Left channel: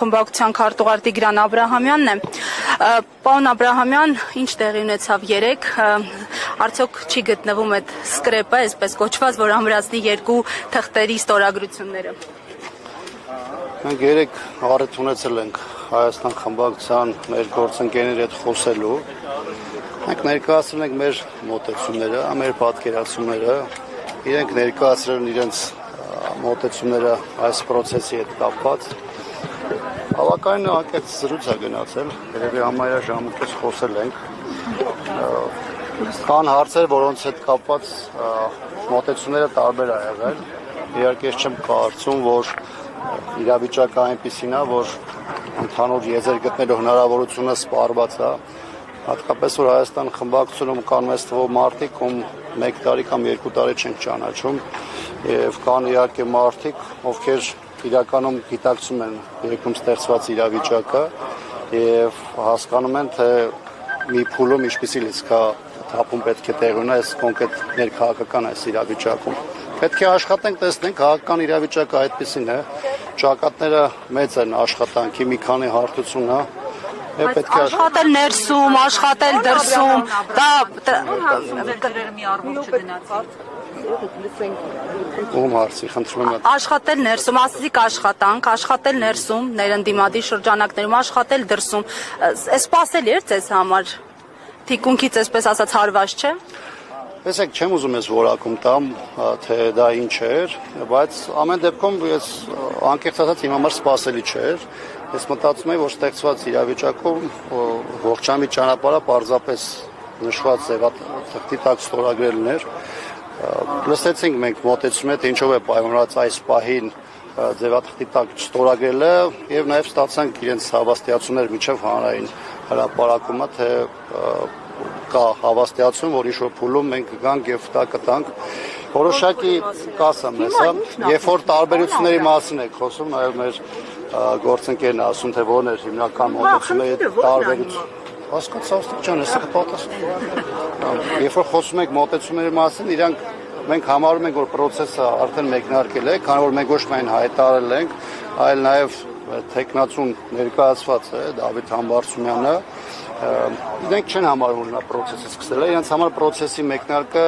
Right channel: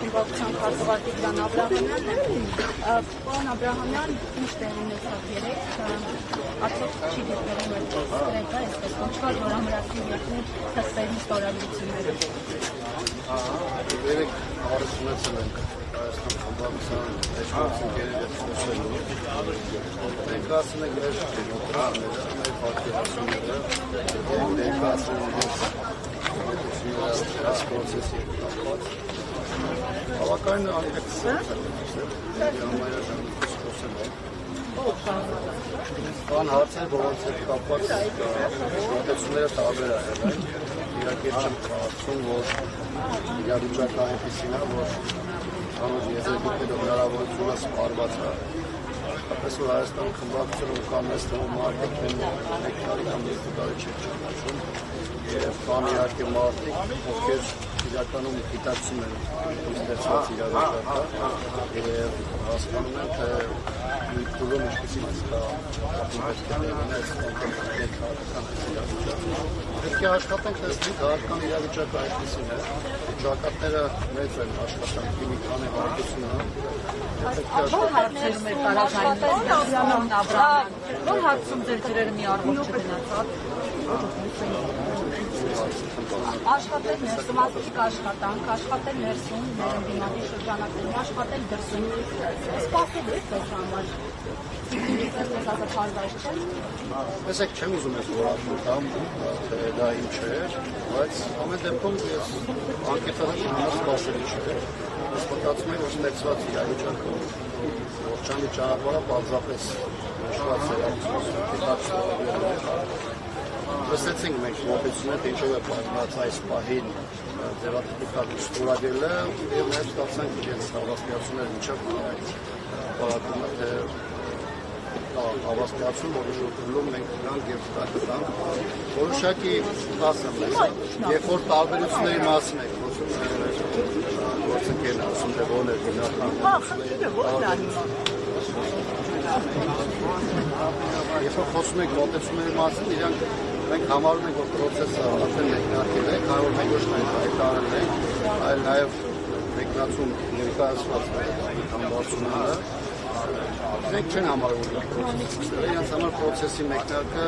Խմբակցության քարտուղար Տիգրան Աբրահամյանն է։ Պարոն Աբրահամյան, ինչ տեղի ունեցավ երեկ, արդյոք չի գտնվում այդ սկրեպը, այսպես կոչված, որ ամրացնի երկու թղթերի ստորագրությունները։ Մենք երեկ առիթ ունեցել ենք Հայաստան խմբակցության մեր գործընկերների հետ խոսելու։ Մենք ներկայացրել ենք մեր մոտեցումները, մեր պատկերացումները, իրենք ներկայացրել են իրենց մոտեցումները այս process-ի հետ կապված։ Հավաքային անկեղծ զրույց է գնացել, երևի համարյա ժամանակ խոսել ենք։ Կան հարցեր, որոնց հետ կապված մոտեցումները տարբեր ա եղել։ Իհարկե չեմ կարծում, որ իրավիճակը այնպիսին է, որ ընդհանուր եզր գտնելու հնարավորությունը սպառված է։ Հատկապես որ Հայաստան խմբակցությունում կան մեծ թվով մարդիկ, ում 1 տարի կամ 2 տարի չեն ճանաչում, եւ կան իհարկե մարդիկ, ովքեր իրականում գիտակցում են երկրում ստեղծված իրավիճակը եւ հասկանում են, թե մի փուլում ինչպիսի լիցքա ապում պետք է տեղ ունենա այս կոնկրետ ներքաղաքական այս իրավիճակում։ Պետք է աշխատենք, տեսնենք քաղաքական իրավիճակը այդպեսին է, ճակատները մեծ են աշխատանքի, մի քանի հարթություն է։ Աշխատել ներսում, աշխատել դրսում, աշխատել ներսում, ասիկ աշխատանք, աշխատել ներսում, ներընդդիմադի շրջանակներում, աշխատել դրսում, սպասելի էր ձեզ համար, թիկունքից այսպես ասած հարված չէ։ Տեսեք, չեմ ուզում ես որակում տամ, թե դա ինչ էր, բայց ամեն դեպքում ես անկեղծ ասած իմ համար սպասելի չէր։ Ես մտածում եմ, որ ստեղծված իրավիճակում ողջամիտ ճանապարհը պարզապես նշված ձևաթղթի տակ ստորագրելն էր։ Լսեցինք մենք մոտեցում ենք, թե ինչով է պայմանավորված այս պահին ձևաթղթի տակ ստորագրելը եւ նաեւ ստացանք իրենց հավաստիացումներ միջև հանրային հրապարակումը, թե կա հավաստիացում, որ ինչ-որ փուլում մենք գանք եւ դա կտանք։ Որոշակի կասեմ ես, երբ որ տարբերությունների մասին եք խոսում, նաեւ մեր գործընկերն ասում, թե որն էր հիմնական մոտեցումների տարբերությունը։ Հասկացա ջան, ես պատասխանում։ Երբ որ խոսում ենք մոտեցումների մասին, իրանք մենք համարում ենք, որ process-ը արդեն մեկնարկել է, քանի որ մենք ոչ միայն հայտարարել ենք, այլ նաեւ տեխնացուն ներկայացված է Դավիթ Համբարձումյանը։ Իրենք չեն համարում, որ նա process-ը սկսել է, իրենց համար process-ի մեկնարկը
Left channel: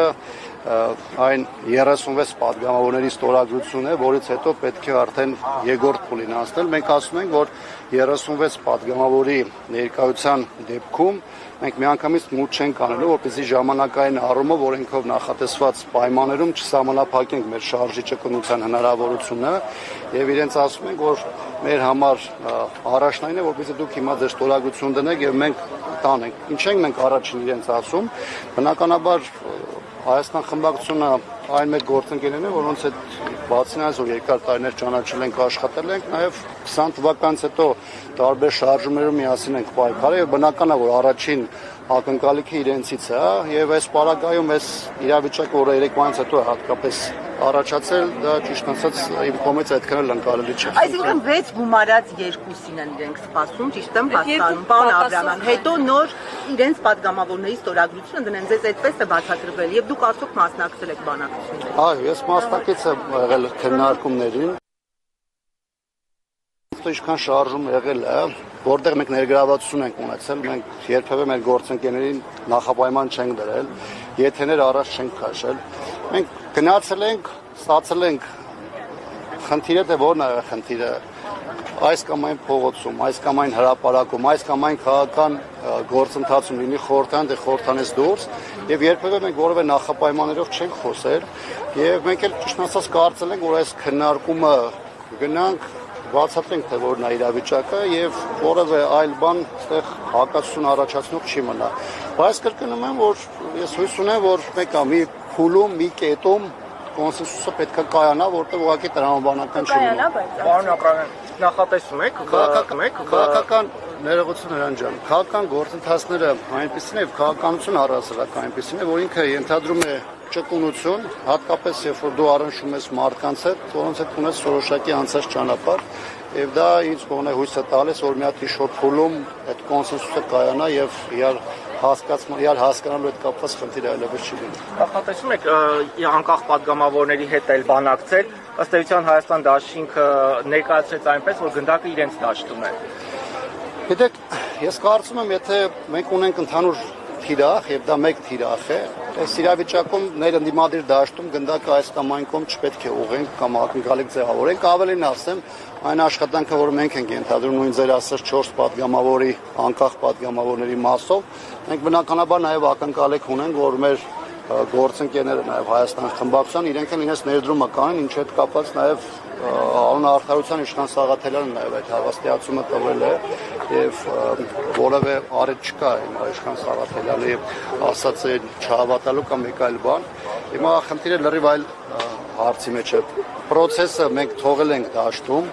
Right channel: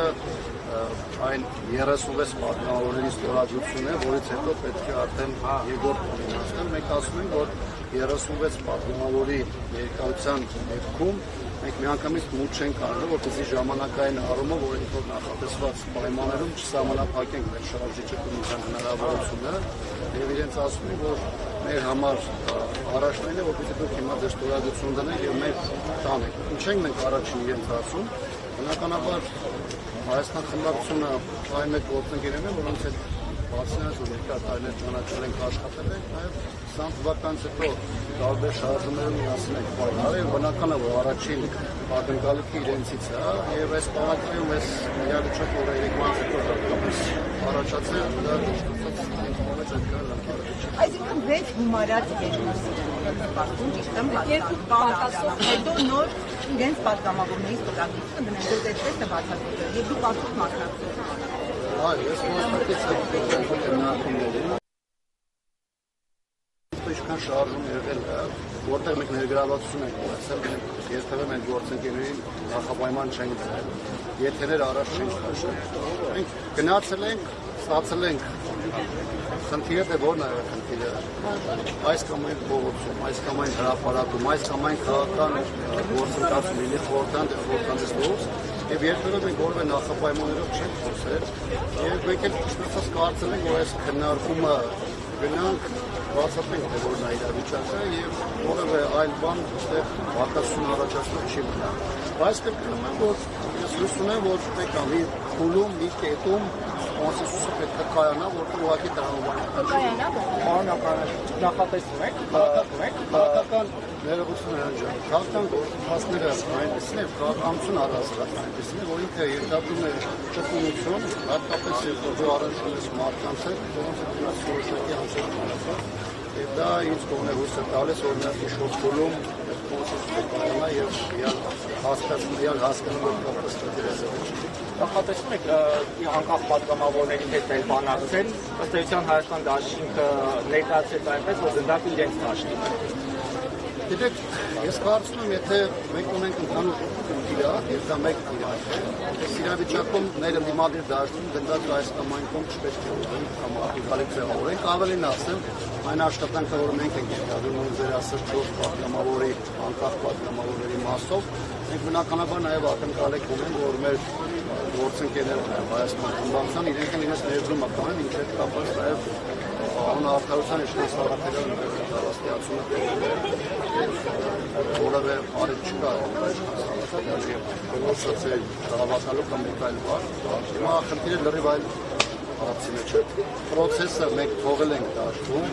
այն 36 պատգամավորների ստորագրությունն է, որից հետո պետք է արդեն երկրորդ փուլին հասնել։ Մենք ասում ենք, որ 36 պատգամավորի ներկայության դեպքում մենք միանգամից մուտք չենք անելու, որպեսզի ժամանակային առումով օրենքով նախատեսված պայմաններում չսահմանափակենք մեր շարժի ճկունության հնարավորությունը եւ իրենց ասում ենք, որ մեր համար առաջնային է, որպեսզի դուք հիմա ձեր ստորագրություն դնեք եւ մենք տանենք։ Ինչ ենք մենք առաջին իրենց ասում, բնականաբար Հայաստան խմբակցությունը այն մեծ գործընկերներն է, որոնց հետ բացի այս որ երկար տարիներ ճանաչել ենք, աշխատել ենք, նաև 20 թվականից հետո տարբեր շարժումներում միասին ենք պայքարել եւ բնական է, որ առաջին ակնկալիքը իրենցից է, եւ այս պարագայում այս իրավիճակը, որը 3 ամիս հետո հատկապես առաջացել, դա ճիշտ ասած իմ կողմից այդքան էլ ընկալելի չէ։ Այսինքն 6 գումարած երկուսին են իրենք սպասում, ճիշտ եմ հասկանում, պարոն Աբրահամյան։ Հետո նոր իրենց պատգամավորների ստորագրությունը դնեն, ձեզ այդպես է բացատրվել եւ դուք արդյոք մասնակցել եք բանակցություններին։ Հա, ես մասնակից եմ եղել քննարկումներին։ Ինչքան շարժում եղել է, որտեղ մենք ներգրավվածություն ենք ունեցել, մենք երբևէ մեր գործընկերներին նախապայման չենք դրել, եթեներ առաջ չենք քաշել։ Մենք գնացել ենք, ստացել ենք խնդիրը, թե որն է խնդիրը, այս կամ այն փողոցում, այս կամ այն հրապարակում, այս կամ այն քաղաքական գործընթացում լինի խորհրդան, թե խորհրդանից դուրս, եւ երբևէ մենք որևէ նախապայմաններով չենք խոսել, եւ մենք էլ ճիշտ ասած կարծել ենք, որ այս քննարկումը գնանք բացատրենք, թե որն է իրավիճակը եւ որևէ այլ բան այդտեղ հակասություն առաջացնող չի մնա։ Բայց կրկնում եմ, որ ես հույս ունեմ, որ մեկը մի փուլում, մի կետում կոնսենսուսը պետք է կայանա, որտեղ ուղղակի տրամաբանական չի։ Պարոն Աբրահամյան, նախատեսում եք, քաղաքական ներողություն Հրանտ ջան, քաղաքական գործընթացները այնպեսին է, քաղաքականություն առասարակ այնպեսին է, որ ինքը ենթադրում է ճկունություն, հատկապես երբ որ դու առնչվում ես մարդկանց հետ, որոնց հետ ունես որոշակի անցած ճանապարհ, եւ դա ինձ կոնե հույս է տալիս, որ մի հատ շոտ փուլում այդ կոնսենսուսը կայանա եւ իրար հասկանալու հետ կապված խնդիր այլևս չի լինի։ Նախատեսում եք անկախ պատգամավորների հետ էլ բանակցել, ըստ էության Հայաստան դաշինքը ներկայացրեց այնպես, որ գնդակը իրենց դաշտում է։ Գիտեք, ես կարծում եմ, եթե մենք ունենք ընդհանուր թիրախ եւ դա մեկ թիրախ է, այս իրավիճակում մեր ընդդիմադիր դաշտում գնդակը այս կամ այն կողմ չպետք է ուղենք կամ ակնկալիք ձևավորենք, ավելին ասեմ, այն աշխատանքը, որ մենք ենք ենթադրում նույն ձեր ասած 4 պատգամավորի անկախ պատգամավորների մասով, մենք բնականաբար նաեւ ակնկալիք ունենք, որ մեր գործընկերները նաեւ Հայաստան խմբակցության իրենք էլ իրենց ներդրումը կանեն, ինչ հետ կապված նաեւ Անարթարության իշխան Սաղաթելյանը նաև այդ հավաստիացումը տվել է եւ որևէ արետ չկա իշխան Սաղաթելյանի ասած է չհավատալու կամ մեկ այլ բան։ Հիմա խնդիրը լրիվ այլ հարցի մեջ է։ Պրոցեսը մենք թողել ենք դաշտում,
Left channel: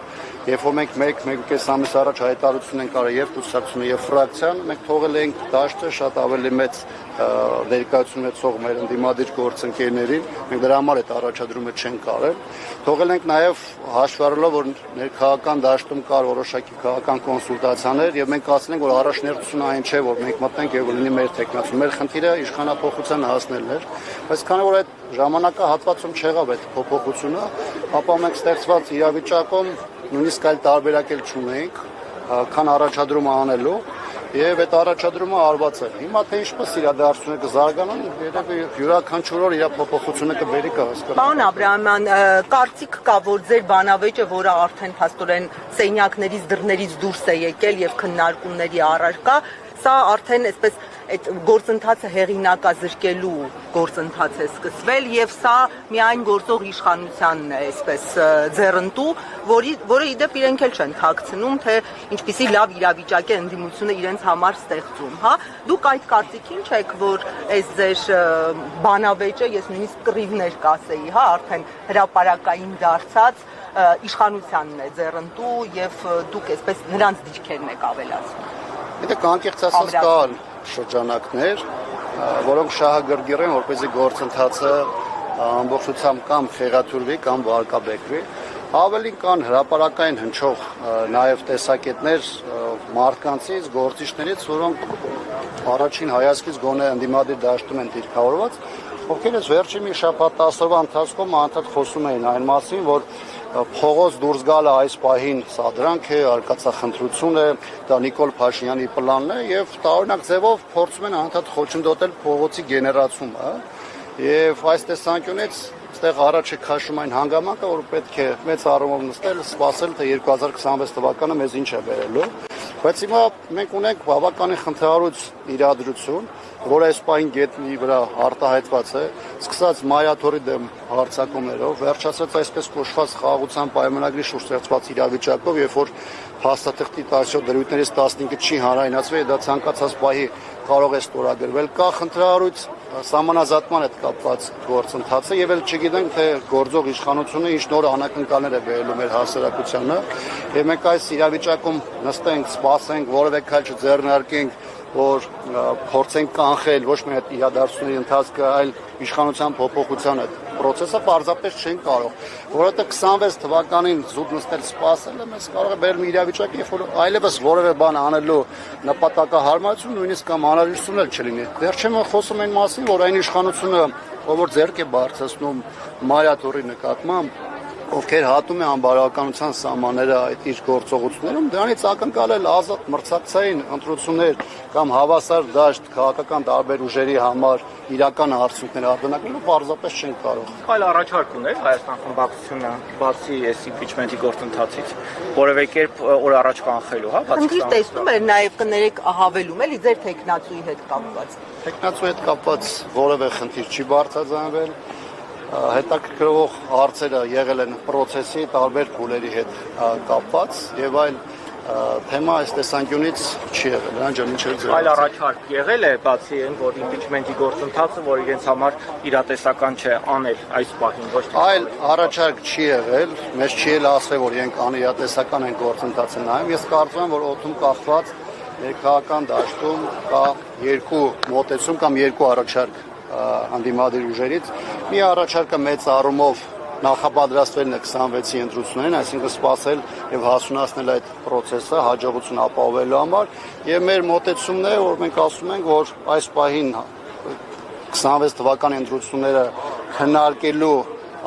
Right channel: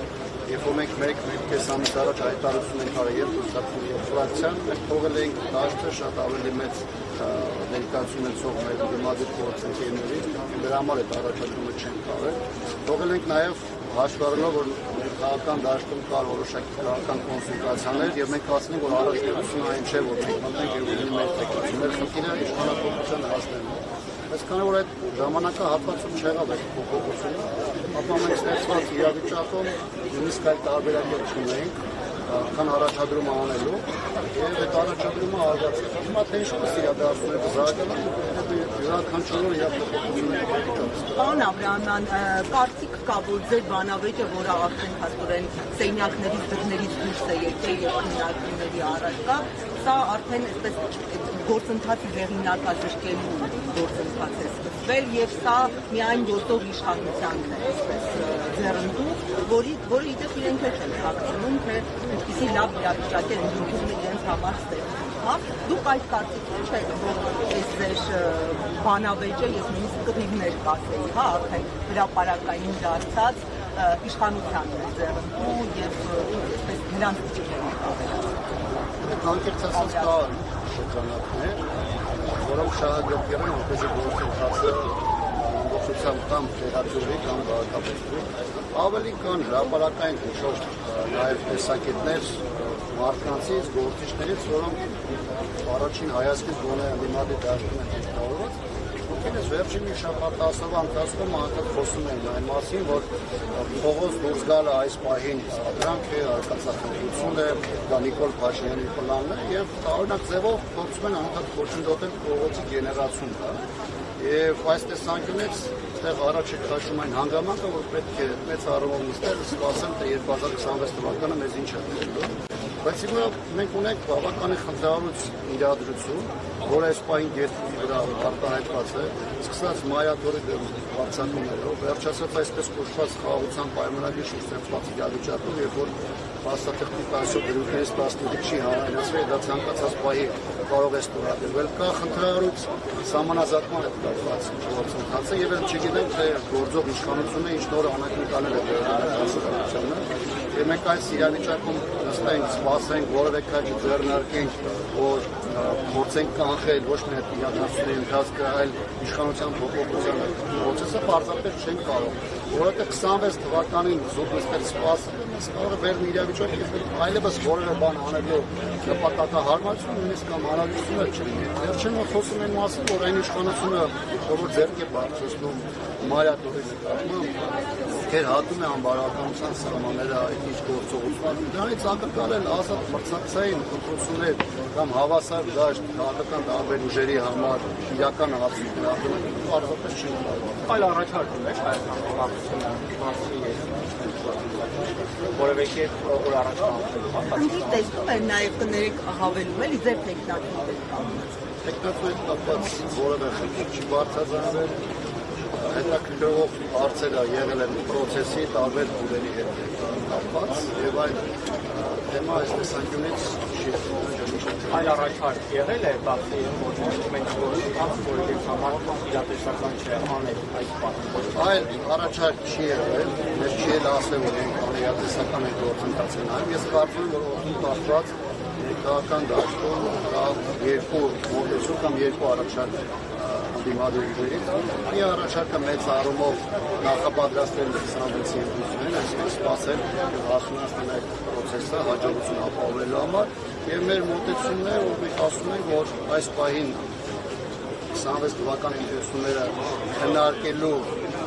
երբ որ մենք մեկ-կես ամիս առաջ հայտարարություն ենք արել եւ կուսակցությունը եւ ֆրակցիան, մենք թողել ենք դաշտը շատ ավելի մեծ ներկայություն ունեցող մեր ընդդիմադիր գործընկերներին, մենք դրա համար այդ առաջադրումը չենք արել։ Թողել ենք նաև հաշվի առնելով, որ ներքաղաքական դաշտում կար որոշակի քաղաքական կոնսուլտացիաներ եւ մենք ասել ենք, որ առաջնորդությունը այն չէ, որ մենք մտնենք եւ լինի մեր տեխնացու։ Մեր խնդիրը իշխանապողության հասնելն էր, բայց քանի որ այդ ժամանակահատվածում չեղավ այդ փոփոխությունը, ապա մենք ստեղծված իրավիճակում նույնիսկ այլ տարբերակ էլ չունենք, քան առաջադրումը անելու եւ այդ առաջադրումը արված է։ Հիմա թե ինչպես իրադարձությունը կզարգանան, յուրաքանչյուր օր իր փոփոխությունը կբերի կհասկանա։ Պարոն Աբրահամյան, կարծիք կա, որ ձեր բանավեճը, որը արդեն փաստորեն սենյակներից դռներից դուրս է եկել եւ քննարկումների առարկա, սա արդեն այսպես այդ գործընթացը հեղինակազրկելու գործընթաց է սկսվել եւ սա միայն գործող իշխանությանն է այսպես ձեռնտու, որը իդեպ իրենք էլ չեն թաքցնում, թե ինչպիսի լավ իրավիճակ է ընդդիմությունը իրենց համար ստեղծում, հա։ Դուք այդ կարծիքի ինչ եք, որ այս ձեր բանավեճը, ես նույնիսկ կռիվներ կասեի, հա, արդեն հրապարակային դարձած իշխանությանն է ձեռնտու եւ դուք այսպես նրանց դիրքերն եք ավելացնում։ Գիտեք, անկեղծ ասած կան շրջանակներ, որոնք շահագրգիռ են, որպեսզի գործընթացը ամբողջությամբ կամ խեղաթյուրվի, կամ վարկաբեկվի։ Ավելի կան հրապարակային հնչող նաև տեսակետներ մարդկանցից, գործիչներից, որոնք առաջին հայացքից գոնե ընդդիմադիր դաշտում են դիրքավորված, ովքեր այս վերջին մի շաբաթ ասորվա ընթացքում անդադ խոսում էին այն մասին, որ փողոց դուրս գալը այս պահին սադրանք է, արկածախնդրություն է, դա Նիկոլ Փաշինյանի պլանն է եւ տարօրինակ ձևով փորձում են անդադ խոչընդոտել փողոցի գեներացումը եւ այս տեսանկյունից այստեղ առաջ է քաշում այն հանգամանքը, որ պետք է մեծ առումով նստել, սպասել, թե 2026 թվականը մեզ ինչ է բերելու, բայց հիմա մենք ունենք բավականին խնդրահարույց իրադրություն, որ այս պահին գետնի վրա արտահայտված է, սկսած մայաթորի դեմ հարձակումներով, վերջացած այսպես կոչված խաղաղության պայմանագրի շուրջ ստեղծված իրավիճակով, երբ որ փաստաթղթի 17 դրույթներից 15-ը չի հանրայնացվել, դա ցանկացած պահի կարող է ստորագրվել, կա խնդրահարույց սահմանազատման հետ կապված գործընթացը եւ էլ չգիտենք թե գործող իշխանությունը ինչ նոր անակնկալներ է բերելու մեր հասարակությանը եւ մենք այս իրավիճակում նստենք, սպասենք, որևէ քայլ չձեռնարկենք, որ փորձենք կանխել ոչ միայն իրադարձությունների ընթացքը, այլ իշխանության փոփոխությանը process-ը պարզապես չեն կարող, որովհետեւ 26 թվականին զուտ նստել սպասել, մենք կարող է բերել իրավիճակ, երբ որ այլևս որևէ բան անելու նպատակահարմարություն նույնիսկ կամ անհրաժեշտություն էլ չլինի։ Վերջում խոսում են մասին, որ այն իշխանությունը, որ ձեռք է բարձրացնում մայաթորի նկատմամբ, ովքեր հատում է անբարոյականության սահմանները այդ իր գործողություններում, դրանից ակնկալել ազատ մրցակցային ընտրություններ կամ հավասար դաշտ քաղաքական տարբեր ուժերի համար իրական արդյունքներ արձանագրել պարզապես չեն կարող։ Այլ առաջարկ ունես Հայաստան խմբակցությունը բացի այս impeachment-ի գործընթացից, որևէ կերպ օր առաջ կանխելու, հա, Խնդիր տեսնում եք նաև կներեք հավելում էլի ձեր տեխնատուի հետ կապված։ Տեխնատուի հետ կապված որևէ խնդիր չի բարձրացվել։ Հետաքրքրող հարցերը եղել են process-ի տարբեր փուլերի հետ կապված եւ այլ թեմա այս տեսանկյունից չի եղել, անջանիչեր։ Այլ առաջարկ եղել է բացի այն, որ impeachment-ի գործընթացը, որ իրենց համար իրատեսական չէ անել այս պահին։ Այլ առաջարկ չի եղել, մեզ չի էլ ասվել, որ իրենք անիրատեսական են գործընթացը նայում։ Ես կարծում եմ, որ օդում կախված քաղաքական դաշտում կա երկու մոտեցում կամ երկու առաջարկ հանդիմադիր ուժերից։ Մի առաջարկը մեծ առումով նախապատրաստվելն է 26-ի ընտրություններին, այսինքն սպասել եւ հասունացնել այդ process-ը հաջողություն ապահովելու համար եւ մեր մոտեցումն է, որ մենք ասում ենք, որ այս պահին 26 թվականի ընտրությունները քննարկելու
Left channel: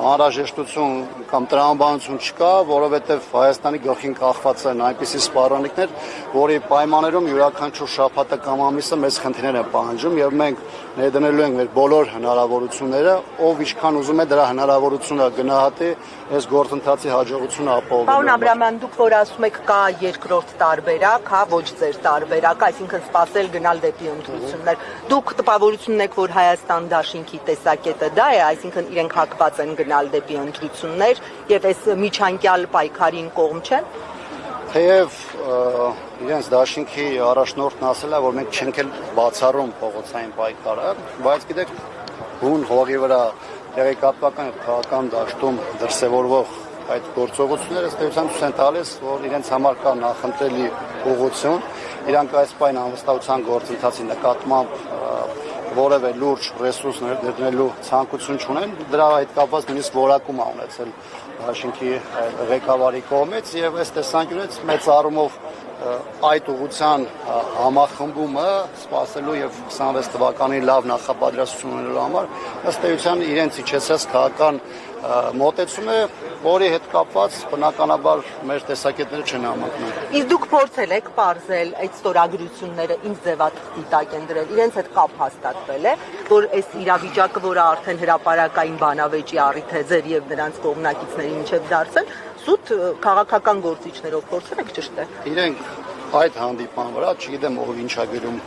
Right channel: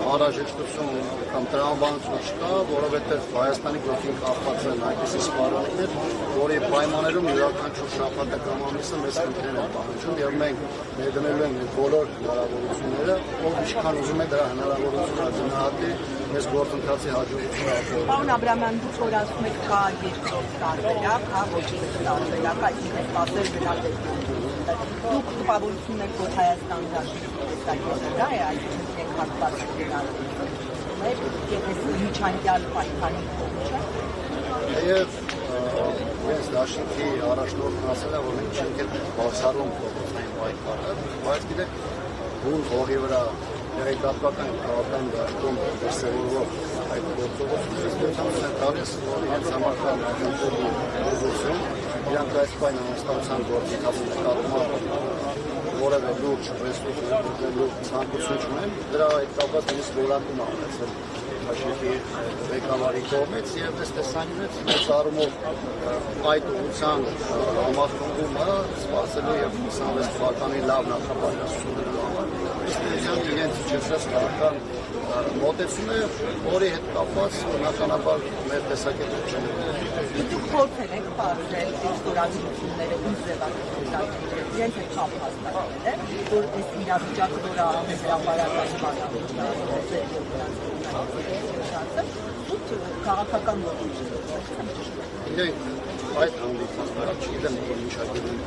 անհրաժեշտություն կամ տրամաբանություն չկա, որովհետև Հայաստանի գլխին կախված են այնպիսի սպառնալիքներ, որի պայմաններում յուրաքանչյուր շաբաթը կամ ամիսը մեծ խնդիրներ է պահանջում եւ մենք ներդնելու ենք մեր բոլոր հնարավորությունները, ով ինչքան ուզում է դրա հնարավորությունը գնահատի այս գործընթացի հաջողությունը ապահովում։ Պարոն Աբրահամյան, դուք որ ասում եք կա երկրորդ տարբերակ, հա, ոչ ձեր տարբերակ, այսինքն սպասել գնալ դեպի ընտրություններ։ Դուք տպավորություն եք, որ Հայաստան դաշինքի տեսակետը դա է, այսինքն իրենք հակված են գնալ դեպի ընտրություններ եւ այս միջանկյալ պայքարին կողմ չեն։ Թեև իրենց դաշինքի առաջնորդն ասել է, որ մենք չենք էլ բացառում փողոցային պայքարը, բայց գիտեք, հուն հողի վրա տեղեկատվական քաղաքական դաշտում դրսևորվող այդ գործողությունները ստեղծանություն են տալիս, որ իրենց համար կա նախընտրելի ուղղություն, իրանք այս պայն անվստահության գործընթացի նկատմամբ որևէ լուրջ ռեսուրսներ դրնելու ցանկություն չունեն, դրա այդ կապված նույնիսկ որակում է ունեցել դաշինքի ղեկավարի կողմից եւ այս տեսանկյունից մեծ առումով այդ ուղղության համախմբումը սպասելու եւ 26 թվականի լավ նախապատրաստություն ունենալու համար ըստ էության իրենց իջեցած քաղաքական մոտեցում է, որի հետ կապված բնականաբար մեր տեսակետները չեն համընկնում։ Իսկ դուք փորձել եք բարձել այդ ստորագրությունները ինչ ձևաչափ են դրել, իրենց հետ կապ հաստատվել է, որ այս իրավիճակը, որը արդեն հրապարակային բանավեճի առիթ է ձեր եւ նրանց կողմնակիցների միջև դարձել, սուտ քաղաքական գործիչներով փորձել եք ճշտել։ Իրենք այդ հանդիպան վրա, չգիտեմ ով ինչ է գրում,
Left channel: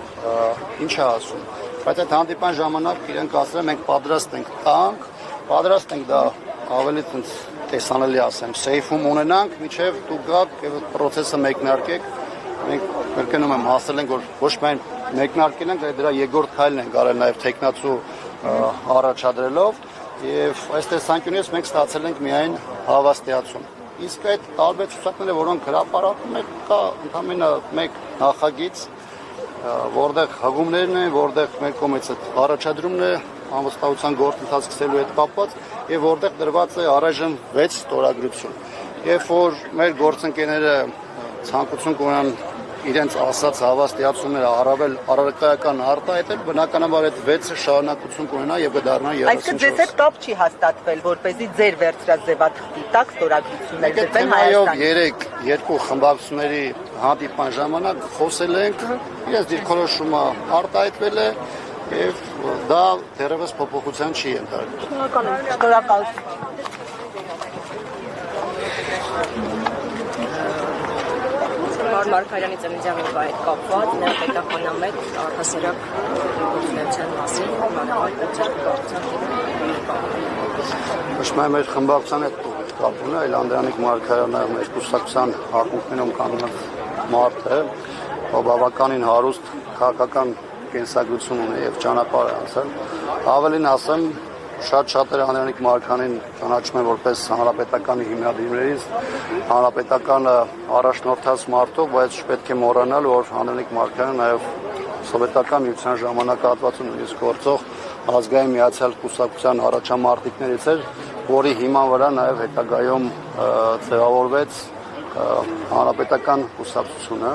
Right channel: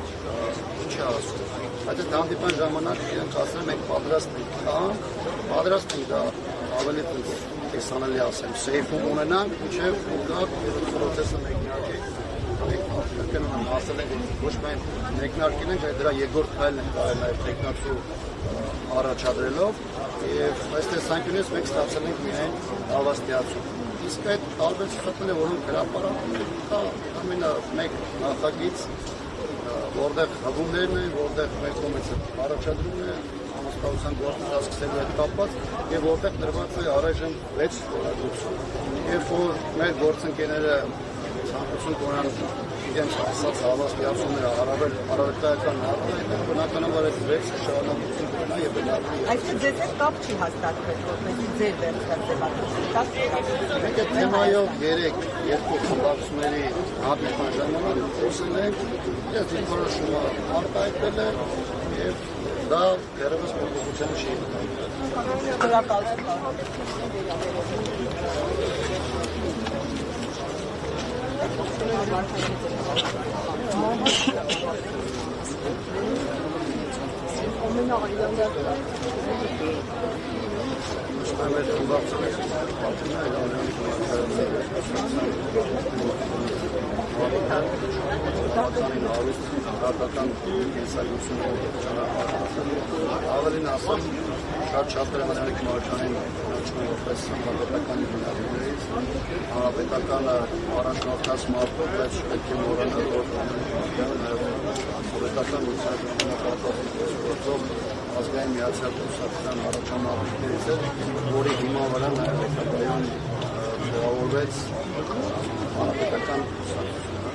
ինչ է ասում, բայց այդ հանդիպան ժամանակ իրենք ասել են մենք պատրաստ ենք տանք, պատրաստ ենք դա ավելի տեսանելի ասեմ, սեյֆում ունենանք, միջև դուք գաք process-ը մեկնարկեք, մենք կրկնում եմ ասել ենք, որ ոչ միայն մեկնարկել ենք, այլ դրա երկրորդ քայլն ենք արել նաև տեխնացու առաջադրելով եւ այս տեսանկյունից մենք ստացել ենք միայն հավաստիացում։ Իսկ այդ տարբեր ցուցակները, որոնք հրապարակում են, կա ընդհանրապես մեկ նախագիծ, որտեղ հղումներն են, որտեղ մեր կողմից առաջադրումն է անվստահության գործընթաց սկսելու հետ կապված եւ որտեղ դրված է առայժմ 6 ստորագրություն։ Երբ որ մեր գործընկերները ցանկություն կունենան իրենց ասած հավաստիացումները առավել առարկայական արտահայտել, բնականաբար այդ 6-ը շարունակություն կունենա եւ կդառնա 30։ Այսինքն ձեզ հետ կապ չի հաստատվել, որպեսզի ձեր վերցրած ձևաչափի տակ ստորագրություններ դրվեն Հայաստան։ Երեք երկու խմբակցությունների հանդիպման ժամանակ խոսել ենք, իրենց դիրքորոշումը արտահայտվել է եւ դա դեռևս փոփոխության չի ենթարկվել։ Շնորհակալություն։ Մարգարյանի ծննդյալի հետ կապված ներկայացնամետ առհասարակ գործունեության մասին Մշտապես մեր խմբակցության հետ կապվում է, այլ Անդրանիկ Մարգարյանը մեր կուսակցության ակումբներում կանգնած մարդ է, ով բավականին հարուստ քաղաքական կենսագրություն ունի եւ ճանապարհ է անցել։ Ավելին ասեմ, շատ-շատերը Անդրանիկ Մարգարյանին ճանաչում են որպես հանրապետականի հիմնադիրներից, հանրապետականը առաջնորդած մարդով, բայց չպետք է մոռանալ, որ Անդրանիկ Մարգարյանը նաեւ սովետական միության ժամանակահատվածում ես գործող ազգային միացյալ կուսակցության առաջամարտիկներից էր, որի հիման վրա նաև հետագայում ձևավորվեց հանրապետական կուսակցությունը,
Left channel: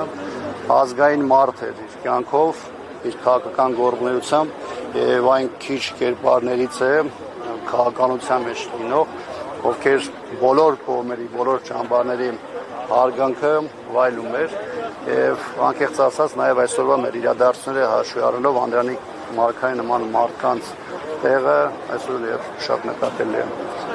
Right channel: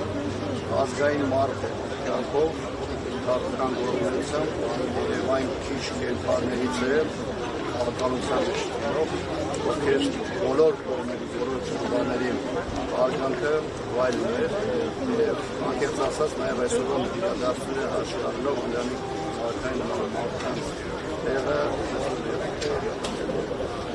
ազգային մարդ էր կյանքով, իր քաղաքական գործունեությամբ եւ այն քիչ կերպարներից է քաղաքականության մեջ լինող, ովքեր բոլոր կողմերի, բոլոր ճամբարների հարգանքը վայելում էր եւ անկեղծ ասած նաեւ այսօրվա մեր իրադարձությունները հաշվի առնելով Անդրանիկ Մարգարյանի նման մարդկանց տեղը այսօր եւ շատ նկատելի է։